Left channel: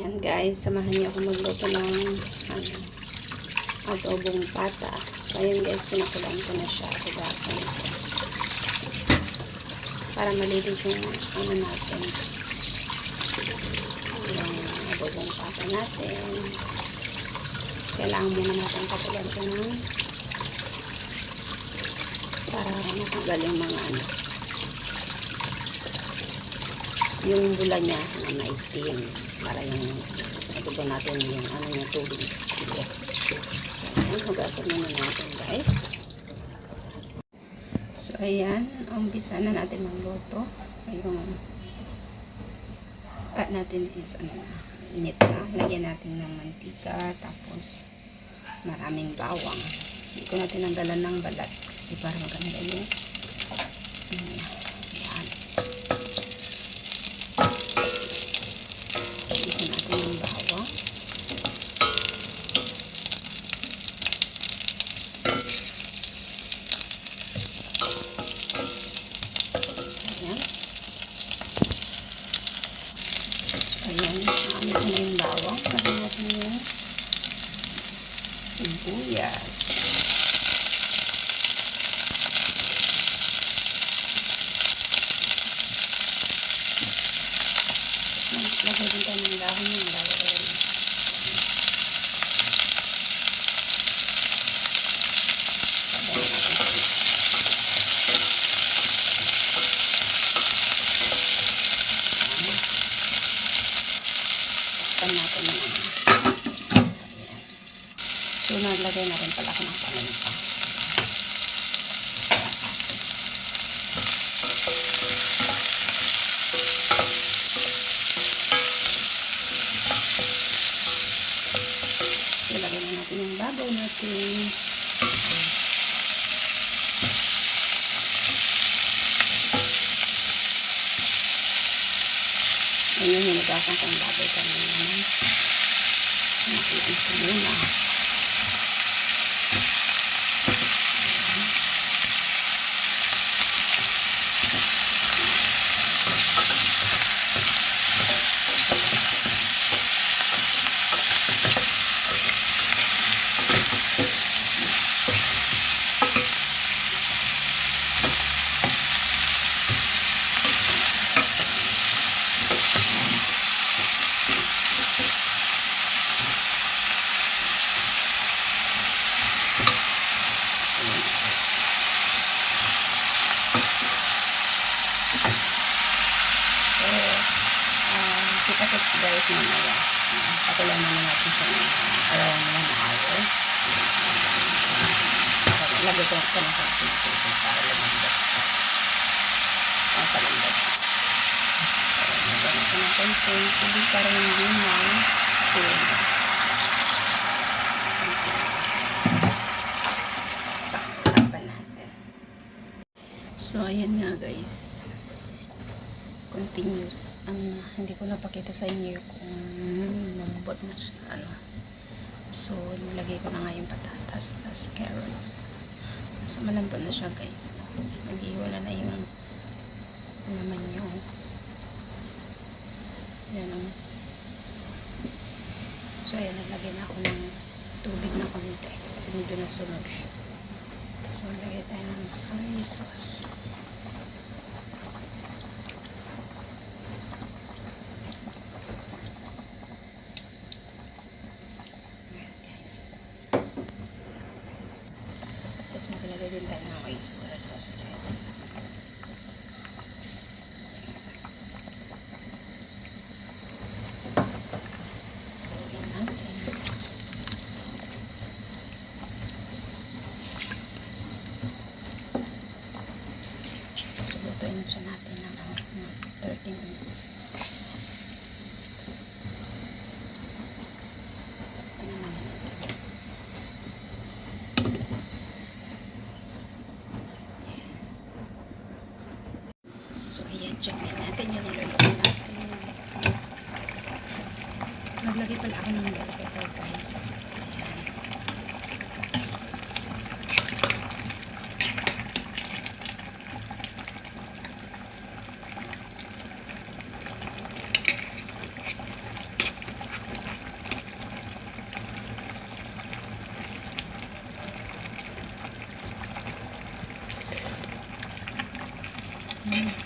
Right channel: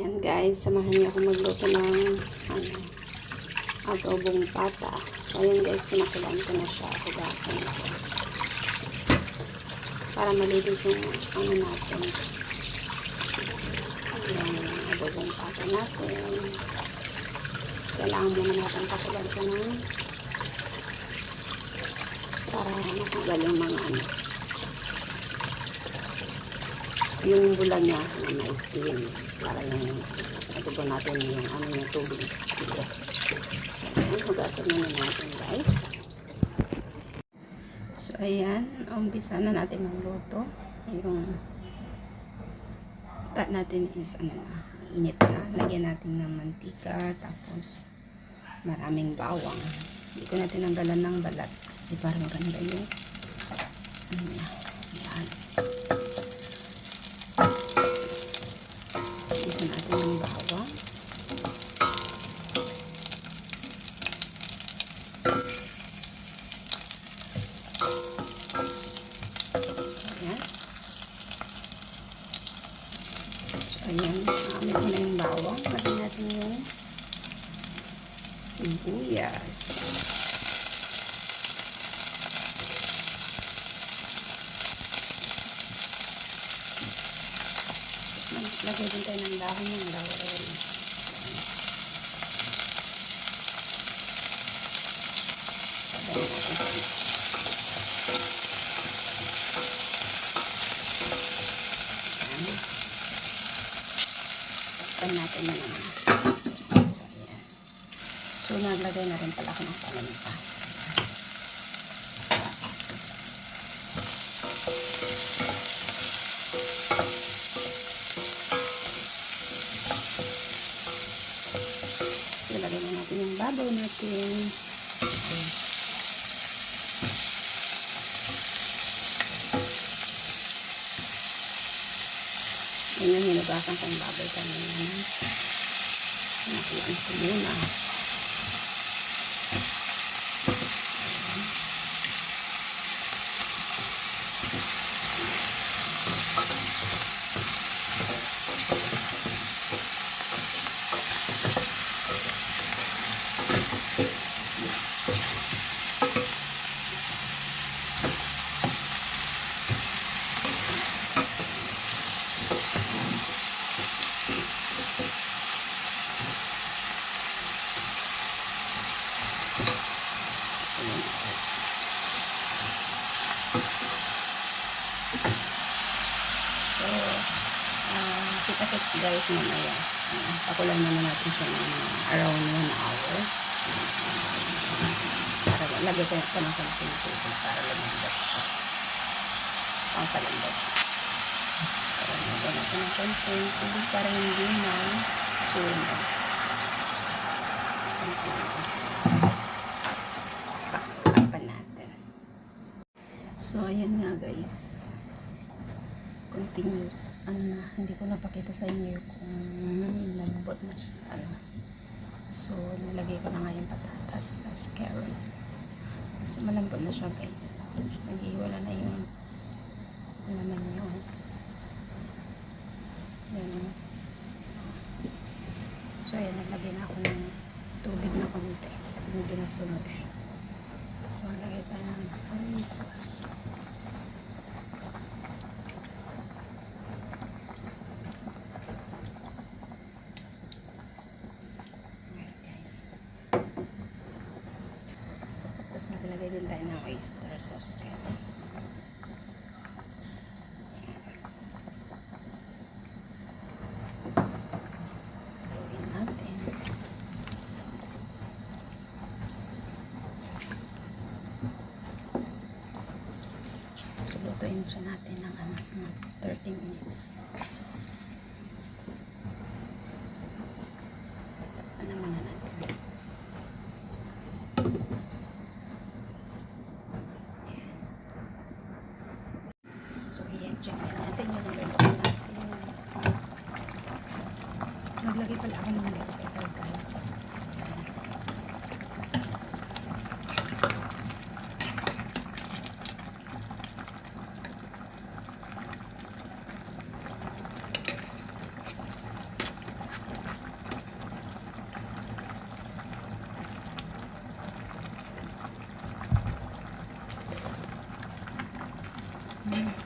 Ayan guys, samahan niyo ako magluto ng ano, adobong pata. So ayan guys, pinakulan ko na siya. Hugasan ko. Para malinis yung ano natin. Yung adobong pata natin. Kailangan muna natin pakulan siya ng para matanggal yung mga ano yung bula niya na maitim para yung adobo natin yung ano yung tubig sila. So, ayan, hugasan muna natin guys. So, ayan, umpisa na natin magluto. Yung pat natin is ano na, init na. Lagyan natin ng mantika, tapos maraming bawang. Hindi ko natin nanggalan ng balat kasi para maganda yung ano niya. Ayan. Isa natin yung bawang. Ayan. Ayan. Amin ko na yung bawang. Lagyan natin yung sibuyas. Lagay din tayo ng dahon ng laurel. Takpan natin ng ano. So, naglagay na rin pala ako ng palamita. Ilagay na natin yung babaw natin. Ayan yung hinugasan ko yung baboy kanina. Nakiyan ko muna. So, uh, kita-kits guys mamaya. Uh, pakulan naman natin siya ng around one hour. Para lagay ko ko na sa pinipipis para lumambot siya. Ang palambot. So, lagyan natin ng konting tubig para hindi na. So, ayan nga guys continuous. Ano, hindi ko napakita sa inyo kung lumabot na siya ano. so nilagay ko na nga yung patatas tas carrot. So malambot na siya guys. Nag-iwala na yung laman nyo yan o so, so ayan nalagay na ako ng tubig na konti kasi medyo nasunog siya. Tapos maglagay tayo ng soy sauce Ayan, guys. Tapos maglagay din tayo ng oyster sauce, guys. Natin. Natin ng ano, mga 30 minutes. natin yun niluluto natin. Naglagay pala ako ng bell pepper guys. Mm-hmm.